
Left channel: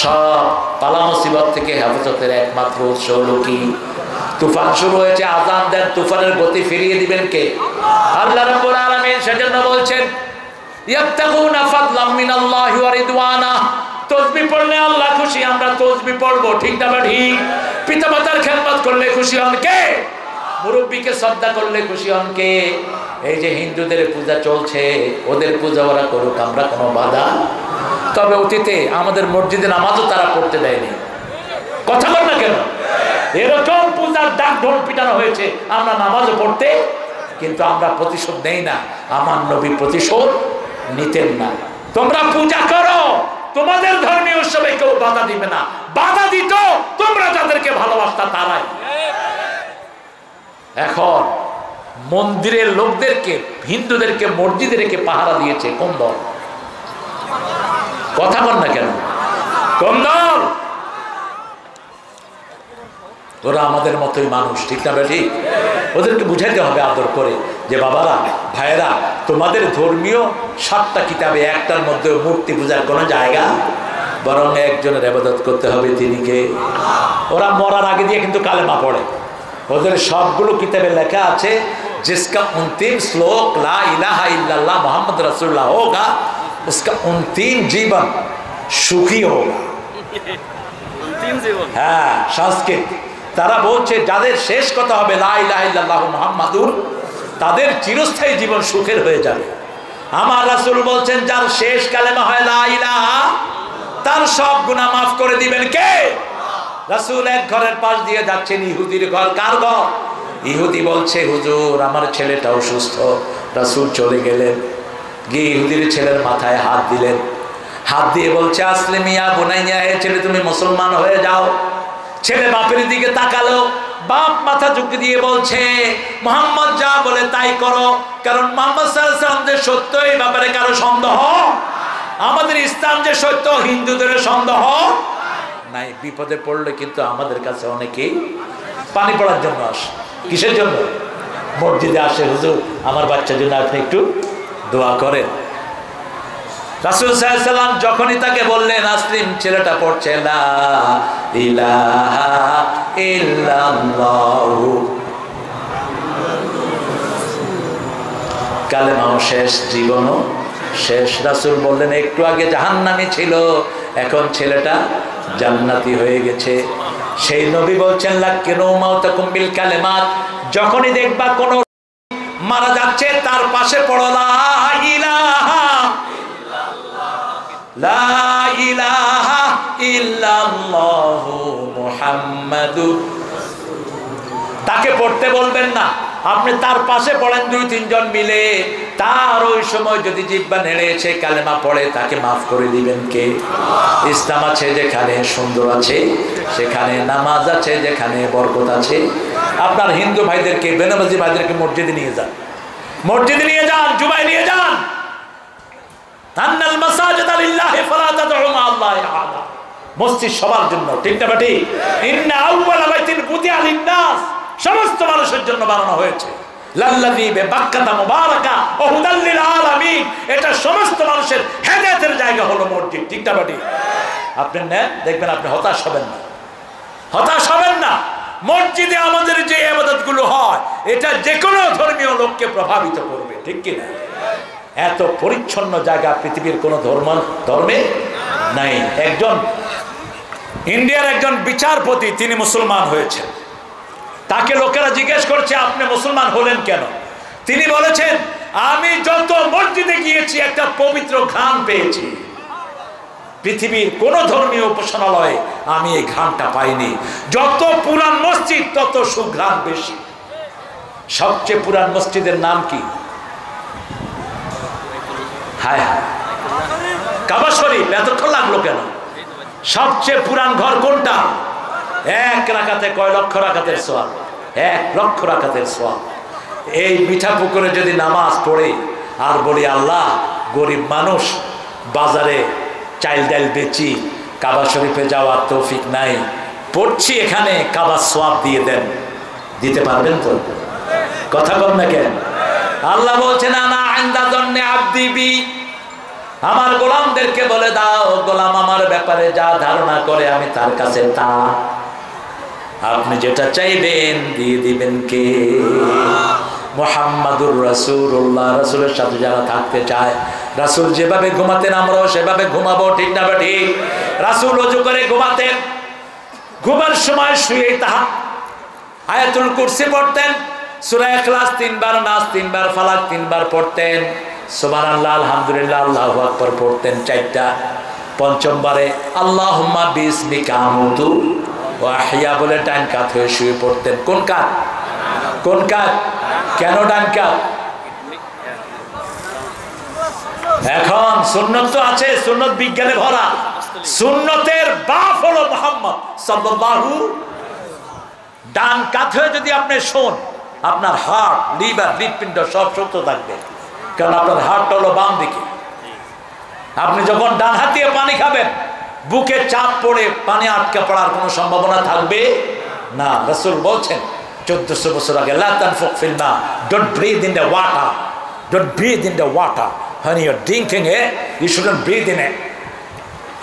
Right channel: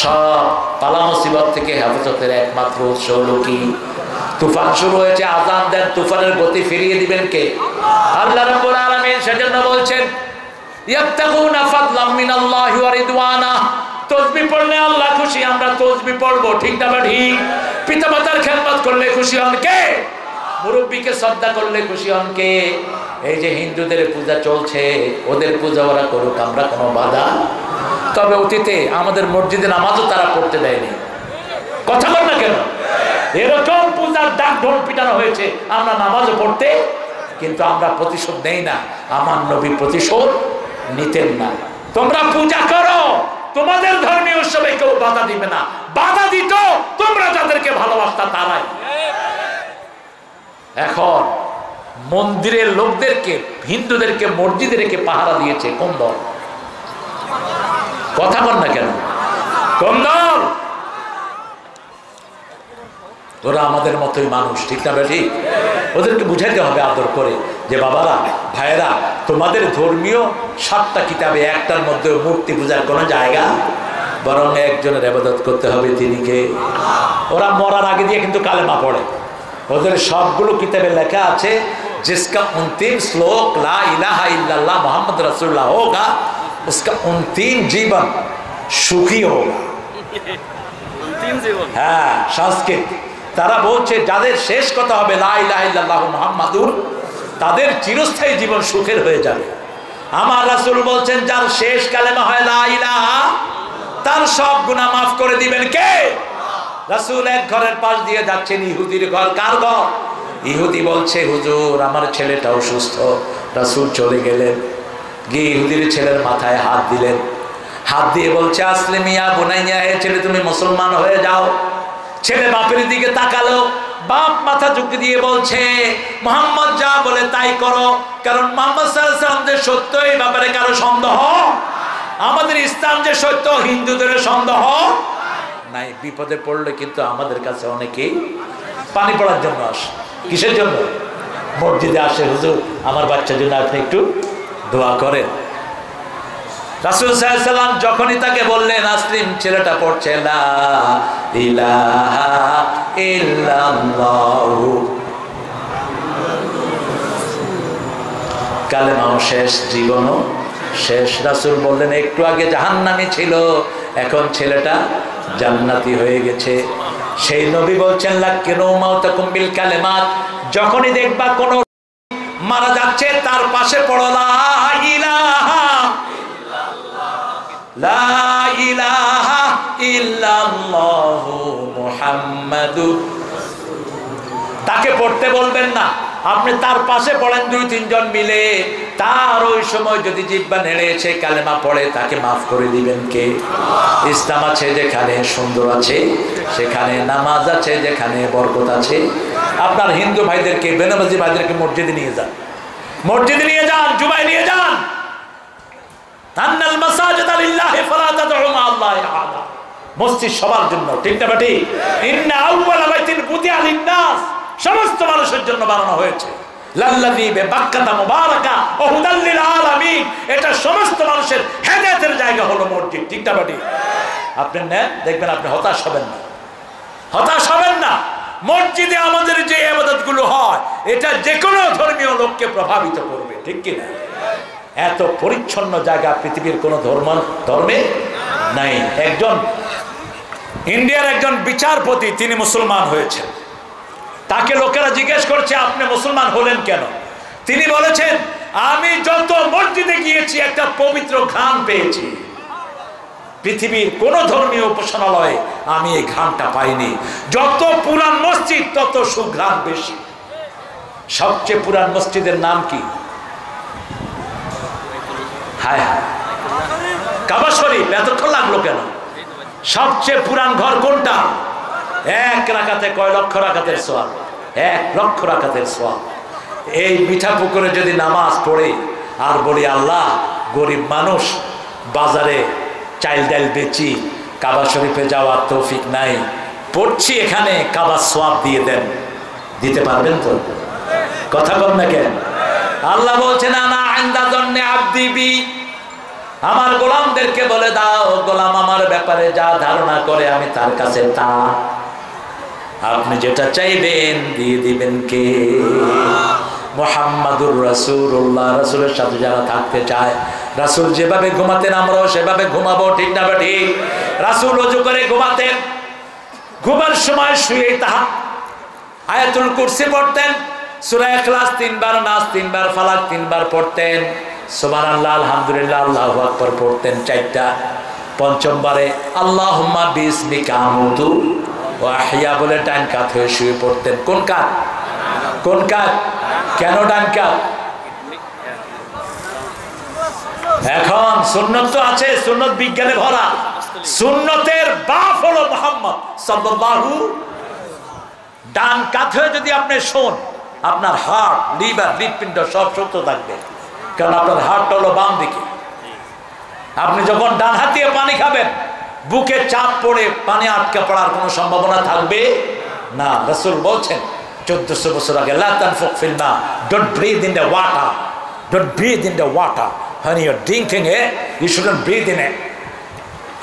সব পালা মুসিবত থেকে হেফাজতের একমাত্র উৎস হলো কি? তুফান শুরু হয়েছে, আজান দেন, তুফানের গতি ফিরিয়ে দিবেন কে? আল্লাহ রাব্বুল আলামিন সেজন্য বলছেন, ইয়াবতাগুনা ফাদলাম মিনাল্লাহি ওয়া রিদওয়ানা। তাসবিহ পড়লে আল্লাহ খুশি, আমরা তাসবিহ পড়বো, ঠিক না ঠিক? পিতামাতার খেদমত করলে খুশি হন কে? মুরব্বীকে শ্রদ্ধা করলে খুশি হন কে? এই যে হিন্দুদের পূজা চলছে, ওদের পূজা ওরা করুক, আমরা কোনো বাধা। তবে অতীতে আমাদের মসজিদে নামাজও তারা পড়তে দেয়নি। কথা বল না কেন? এরকম পূজার ডাক ঢোল পিটানো হয়েছে, আমরা নামাজও পড়তে, কিন্তু আমরা প্রতিশোধ নেই না। আমার নবী প্রতিশোধ নিতেন না। তোমরা পূজা করো, তোমাদের ধর্মীয় উৎসবে কেউ বাধা দিবে না। বাধা দিত তোমরা যাদেরকে ভালোবাসতা তারাই। এখন মন্দিরের লোকদেরকে, হিন্দুদেরকে মসজিদে রেখে পাহারা দিয়েছে কোন দল? কথা বল না কেন? কোন দল? ওরা আমাদের মতোই মানুষ, ঠিক না বেটি? ওদেরকে বুঝাইতে হবে আদর করে যে বাবারা, ভাইয়েরা, তোমাদের ধর্মীয় 7টা কিতাবে একটার মধ্যে মূর্তি পূজার কোনো জায়গা, বরং একজনের ইবাদত করতে হবে, তিনি কে? ওরা মরার আগে দিয়ে কিন্তু কালেমা পড়ে। ওদের সবগুলো কিতাবে লেখা আছে, जिसका अंतिम श्लोक ला इलाहा इल्लल्लाह मोहम्मद रसूलुल्लाह होगा, उसका अंतिम जीवन सुखी होगा। হ্যাঁ, সংস্কৃত। তারা বলছে যাদের শেষ কথা হবে লা ইলাহা ইল্লাল্লাহ মুহাম্মাদুর, তাদের চিরস্থায়ী জীবন সুখের হয়ে যাবে। আমার রাসূল বলছেন যার শেষ কালেমা হয় লা ইলাহা, তার সব গুনাহ মাফ করে দিবেন কে? রাসূল এক ঘরের পাশ দিয়ে যাচ্ছেন, ইহুদির ঘর। কার ঘর? ইহুদি বলছে, হুজুর আমার ছেলেটা অসুস্থ। রাসূল চলে গেলেন, গিয়ে ইহুদির ছেলের মাথায় হাত দিলেন। হাত দিয়ে বলছে, আসলিমিয়া বুনাইয়া, হে ছেলে তুমি মুসলমান হয়ে যাও। ছেলে বাপের দিকে তাকালো, বাপ মাথা ঝুঁকি দিয়ে বলছে, মুহাম্মদ যা বলে তাই করো, কারণ মুহাম্মদ সাল্লাল্লাহু আলাইহি ওয়াসাল্লাম যে সত্য, এই ব্যাপারে কারো সন্দেহ। আমাদের ইসলাম যে সত্য, হিন্দুদের সন্দেহ নাই। বিপদে পড়লে কিন্তু আমাদের কাছে অনেকেই পানি পড়ার জন্য আসে। কিসের জন্য? মসজিদে আসে, হুজুর আমার বাচ্চার জন্য আপনি একটু দোয়া করেন। রাসূল সাল্লাল্লাহু আলাইহি ওয়াসাল্লাম যখনই তাকে বললেন, আসলিম, ছেলেটা পড়ছে লা ইলাহা ইল্লাল্লাহু, কালেমাও শেষ, জীবনও শেষ। রাসূল বললেন, একটু আগে জাহান্নামী ছিল, এখন ছেলেটা জান্নাতি হয়ে গেছে। সেই নবী বলছেন, লাকিনু মাউতাকুম বিল কালিমাত, যখনই দেখবা কোন মারা যাচ্ছে তার পাশে পড়ো লা ইলাহা লা ইলাহা ইল্লাল্লাহু মুহাম্মাদুর। তাকে পড়তে বলবেন না, আপনি তার পাশে পড়েন 2-3 জন মিলে। তার ওই সময় যদি জিহ্বা নেড়েছে কালেমা পড়ে, তাকে মাফ করে দিবেন কে? ইসলাম আছে যেখানে সুন্দর আছে, সেখানে নামাজ আছে, যেখানে বরকত আছে। আপনার হিন্দু ভাইদেরকে, বেনামাজি ভাইদেরকে মসজিদে নিয়ে যান, মসজিদে নিয়ে যান, জুমায় নিয়ে যান। আন্নাল মাসাজিদা লিল্লাহি ফালা তাদউ মা আল্লাহি আহাদা। মসজিদ সবার জন্য, ঠিক না বেটি? ইন্না আউওয়ালা বাইতিন বুদিয়া লিন-নাস, সমস্ত মানুষের জন্য বানানো হয়েছে। লাল্লাযী বিবাক্কাতা মুবারাকা ওয়া হুদাল লিল আলামিন, এটা সমস্ত মানুষের হেদায়েতের জায়গা হলো মসজিদ, ঠিক না বেটি? আপনি নেন, দেখবেন আপনি হতাশ হবেন না, হতাশ হবেন না। মসজিদে আমাদের যে ইবাদতগুলো হয়, এটা যে কোনো ধর্মীয় লোককে প্রভাবিত করবে, ঠিক কি না? এত পরিচ্ছন্ন জায়গা পৃথিবীর কোনো ধর্মে নাই। একজন ইন্ডিয়ার একজন বিচারপতি, তিনি মুসলমান হয়েছেন। তাকে লোকেরা জিজ্ঞেস করছে আপনি মুসলমান হলেন কেন? তিনি বলেছেন আমি যত মসজিদে গিয়েছি একটা পবিত্র ঘ্রাণ পেয়েছি, পৃথিবীর কোন ধর্মীয় উপাসনালয়ে আমি এই ঘ্রাণটা পাইনি। যত পুরান মসজিদ তত সুঘ্রাণ বেশি। সবচেয়ে পুরান মসজিদের নাম কি? হায় হায়, কাবা শরীফ। এতক্ষণ লাগলো কেন? সবচেয়ে পুরান ঘর কোনটা? এক রাকাতে কয় লক্ষ রাকাতের সওয়াব, 1 লক্ষ রাকাতের সওয়াব। এই মিঠা পুকুরে যদি নামাজ পড়ে আর বলি আল্লাহ গরিব মানুষ, বাজারে চাইল ডাল বেচি, কাবা শরীফে যাওয়ার তৌফিক নাই, পড়ছি এখানে, কাবার সওয়াব দিয়ে দেন। দিতে পারবেন তো? কথা বল না কেন? আল্লাহ বলছেন আনা ইনদা যন্নি আবদি বি, আমার গোলামদেরকে বলে দাও গোলাম আমার ব্যাপারে যা ধারণা করে আমি তার কাছে তা। আপনি যেটা চাইবেন দিয়ে দিবেন কে? মুহাম্মাদুর রাসূলুল্লাহ। রাসূলের সাথে যারা থাকতে চায়, রাসূল যেভাবে ঘুমাতেন আমরাও সেভাবে ঘুমাবো, ঠিক না ঠিক? রাসূল ওযু করে ঘুমাতেন, ঘুমার সময় শুয়ে আয়াতুল কুরসি পড়তেন, সূরা ইখলাস 3 বার, নাস 3 বার, ফালাক 3 বার পড়তেন, সুবহানাল্লাহ আলহামদুলিল্লাহ আল্লাহু আকবার পড়তেন 4টা। পঞ্চমবারে আল্লাহুম্মা বিসমিকা আমুতু ওয়া আহইয়া বলে ডান কাত হয়ে শুয়ে পড়তেন। কোন কাত? কোন কাত? কেন ডান কাত? এখন সুন্নত তো আছে, সুন্নত বিজ্ঞানে ভরা। সুন্নতের বাপ হলো মুহাম্মদ সাল্লাল্লাহু। ডান কাত হয়ে যদি আপনি শোন, আপনার হার্ট, লিভার, হৃৎপিণ্ড সব সুস্থ থাকবে, কারণ আপনার হার্ট হলো বাম দিকে। আপনি যখন ডান হাতিয়ে পানি খাবেন, বুকে চাপ পড়ে পানি আটকে পড়ার কোনো সম্ভাবনা থাকবে না। রাসূল বলছেন 1400 বছর আগে, লা তানফুক ফিল মা, don't breathe in the water, don't breathe in the water, when you are drinking it you shouldn't breathe in it.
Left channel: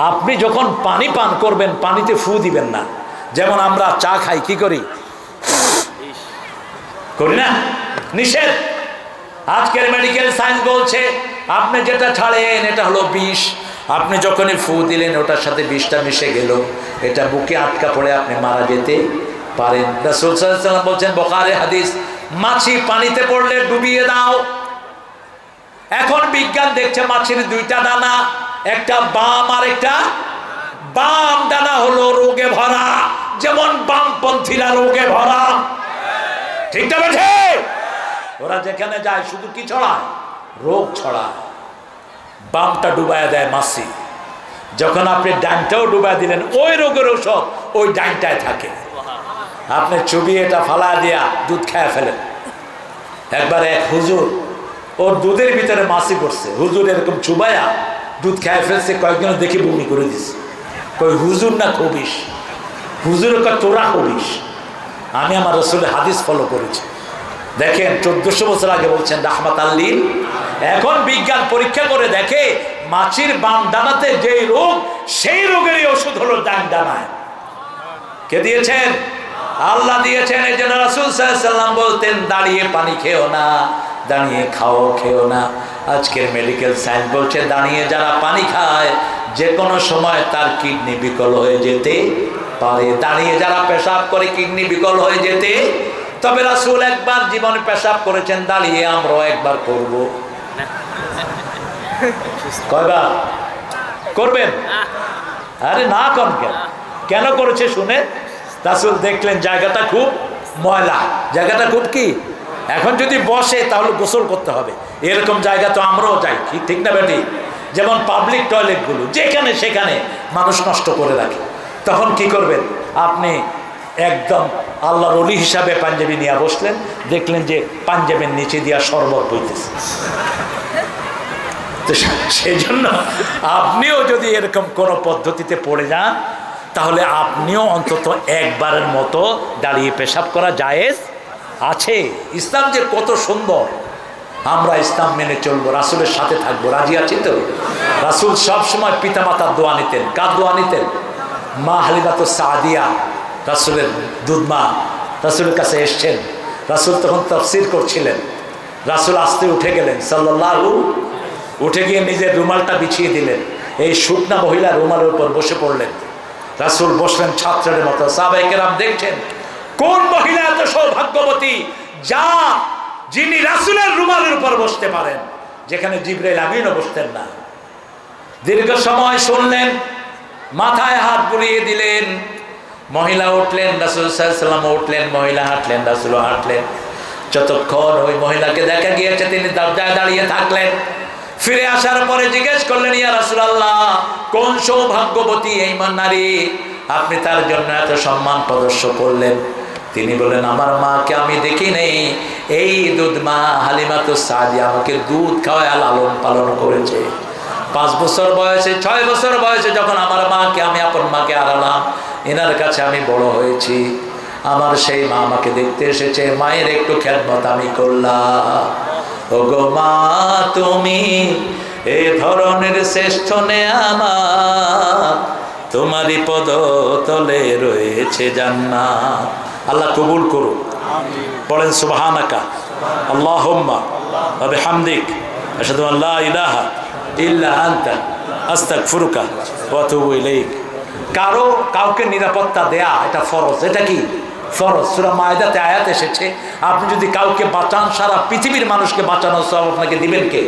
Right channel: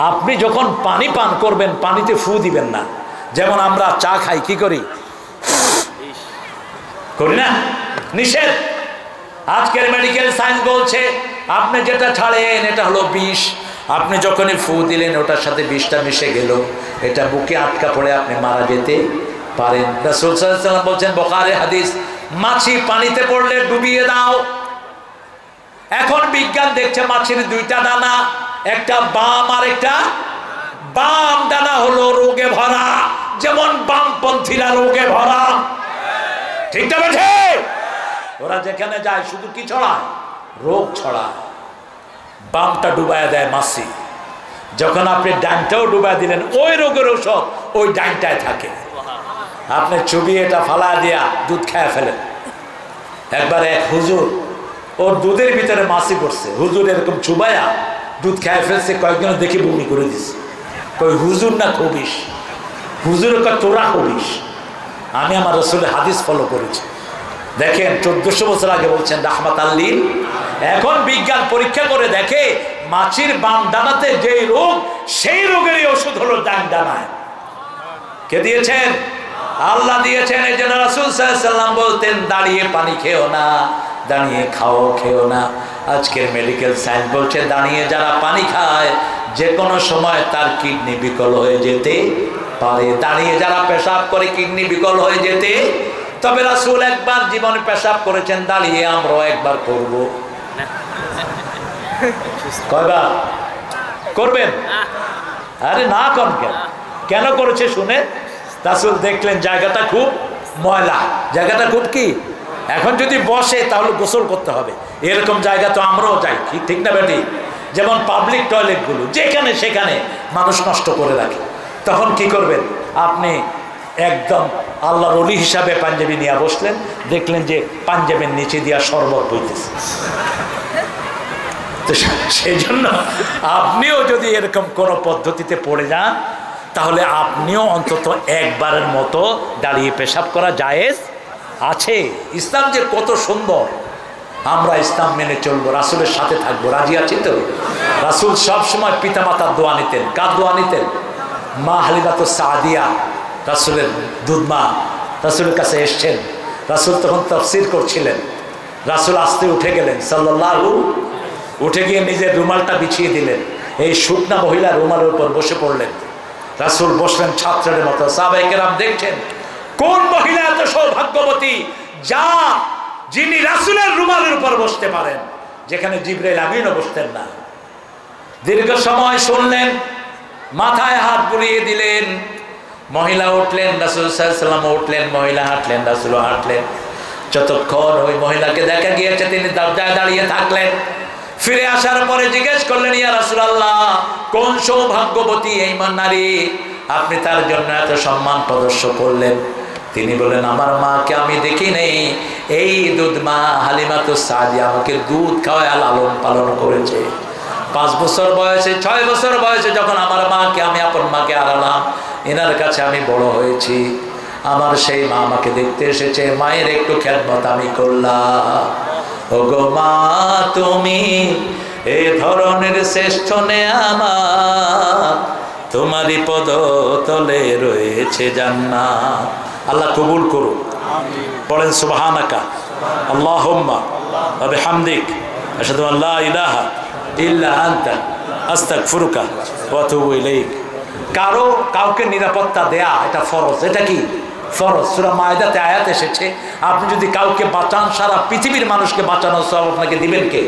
আপনি যখন পানি পান করবেন পানিতে ফু দিবেন না। যেমন আমরা চা খাই, কি করি? করি না? নিষেধ। আজকের মেডিকেল সায়েন্স বলছে আপনি যেটা ছাড়েন এটা হলো বিষ, আপনি যখনই ফু দিলেন ওটার সাথে বিষটা মিশে গেল, এটা বুকে আটকা পড়ে আপনি মারা যেতে পারেন। রাসূল সাল্লাল্লাহু আলাইহি ওয়াসাল্লাম বলছেন, বুখারী হাদিস, মাছি পানিতে পড়লে ডুবিয়ে দাও। এখন বিজ্ঞান দেখছে মাছির 2টা ডানা, একটা বাম আর একটা বাম ডানা হলো রোগে ভরা, যেমন বামপন্থীরা রোগে ভরা, ঠিক না বেঠে? ওরা যেখানে যায় শুধু কি ছড়ায়? রোগ ছড়ায়। বামটা ডুবায় দেয় মাছি, যখন আপনি ডানটাও ডুবাই দিলেন ওই রোগের ঔষধ ওই ডানটায় থাকে। আপনি চুবিয়ে এটা ফালা দিয়া দুধ খায় ফেলেন। একবার এক হুজুর, ওর দুধের ভিতরে মাছি পড়ছে, হুজুর এরকম চুবায়া দুধ খায় ফেলছে, কয়েকজন দেখে বমি করে দিচ্ছে। কই হুজুর না খবিস? হুজুরের কয় তোরা খবিস। আমি আমার রাসূলের হাদিস ফলো করেছি। দেখেন 1400 বছর আগে বলছেন রাহমাতাল লিল। এখন বিজ্ঞান পরীক্ষা করে দেখে মাছির বাম ডানাতে যে রোগ, সেই রোগেরই ওষুধ হলো ডান ডানায়। কে দিয়েছেন? আল্লাহ দিয়েছেন। এই জন্য রাসূল সাল্লাল্লাহু আলাইহি ওয়াসাল্লাম বলতেন দাঁড়িয়ে পানি খেও না, দাঁড়িয়ে খেও না। আজকের মেডিকেল সায়েন্স বলছে দাঁড়িয়ে যারা পানি খায় যে কোনো সময় তার কিডনি বিকল হয়ে যেতে পারে। দাঁড়িয়ে যারা পেশাব করে কিডনি বিকল হয়ে যেতে। তবে রাসূল একবার জীবনে পেশাব করেছেন দাঁড়িয়ে, আমরাও একবার করব। কয়বার করবেন? আরে না কন কেন? কেন করেছে শুনে? রাসূল দেখলেন জায়গাটা খুব ময়লা, জায়গাটা খুব কি, এখন যদি বসে তাহলে গোসল করতে হবে। এরকম জায়গা তো আমরাও যাই, ঠিক না বেটি? যেমন পাবলিক টয়লেটগুলো যেখানে সেখানে মানুষ নষ্ট করে রাখে। তখন কি করবেন? আপনি একদম আল্লাহর ওলি হিসাবে পাঞ্জাবি নিয়ে বসলেন, দেখলেন যে পাঞ্জাবের নিচে দিয়া শরবত বইতেছে। তো সেই জন্য আপনিও যদি এরকম কোনো পদ্ধতিতে পড়ে যান তাহলে আপনিও অন্তত একবারের মতো দাঁড়িয়ে পেশাব করা জায়েজ আছে। ইসলাম যে কত সুন্দর, আমরা ইসলাম মেনে চলবো, রাসূলের সাথে থাকবো, রাজি আছি তো? রাসূল সবসময় পিতামাতার দোয়া নিতেন। কার দোয়া নিতেন? মা হালিমাতুস সাদিয়া, রাসূলের দুধমা, রাসূলের কাছে এসছেন। রাসূল তখন তাফসীর করছিলেন। রাসূল আস্তে উঠে গেলেন সাল্লাল্লাহু, উঠে গিয়ে নিজের রুমালটা বিছিয়ে দিলেন। এই শুকনা মহিলা রুমালের উপর বসে পড়লেন। রাসূল বসলেন ছাত্রের মতো। সাহাবায়ে কেরাম দেখছেন কোন মহিলা এত সৌভাগ্যবতী যিনি রাসূলের রুমালের উপর বসতে পারেন, যেখানে জিবরাইল আমিনও বসতেন না। দীর্ঘ সময় শুনলেন, মাথায় হাত বুলিয়ে দিলেন, মহিলা উঠলেন, রাসূল সাল্লাল্লাহু আলাইহি ওয়াসাল্লাম উঠলেন, মহিলা হাঁটলেন, রাসূলও হাঁটলেন। যতক্ষণ ওই মহিলাকে দেখা গিয়েছে তিনি দরজায় দাঁড়িয়ে থাকলেন। ফিরে আসার পরে জিজ্ঞেস করলেন, ইয়া রাসূলুল্লাহ, কোন সৌভাগ্যবতী এই নারী, আপনি তার জন্য এত সম্মান প্রদর্শন করলেন? তিনি বলেন, আমার মাকে আমি দেখি নেই, এই দুধ মা হালিমাতুস সাদিয়া আমাকে দুধ খাওয়ায় লালন পালন করেছে। 5 বছর বয়সে 6 বছর বয়সে যখন আমার মাকে আমি আপন মাকে হারালাম, এনার কাছে আমি বড় হয়েছি। আমার সেই মা আমাকে দেখতে এসেছে, মায়ের একটু খেদমত আমি করলাম। ওগো মা, তুমি এ ধরনের শ্রেষ্ঠ নেয়ামত, তোমারই পদ তলে রয়েছে জান্নাত। আল্লাহ কবুল করুন। পড়েন সুবহানাকা আল্লাহুম্মা ওয়া বিহামদিক আশহাদু আন লা ইলাহা ইল্লা আনতা আস্তাগফিরুকা ওয়া আতুবু ইলাইক। কাউকে নিরাপত্তা দেয়া এটা ফরজ। এটা কি ফরজ? সূরা মায়দাতে আয়াত এসেছে, আপনি যদি কাউকে বাঁচান, সারা পৃথিবীর মানুষকে বাঁচানোর সওয়াব আপনাকে দিবেন কে?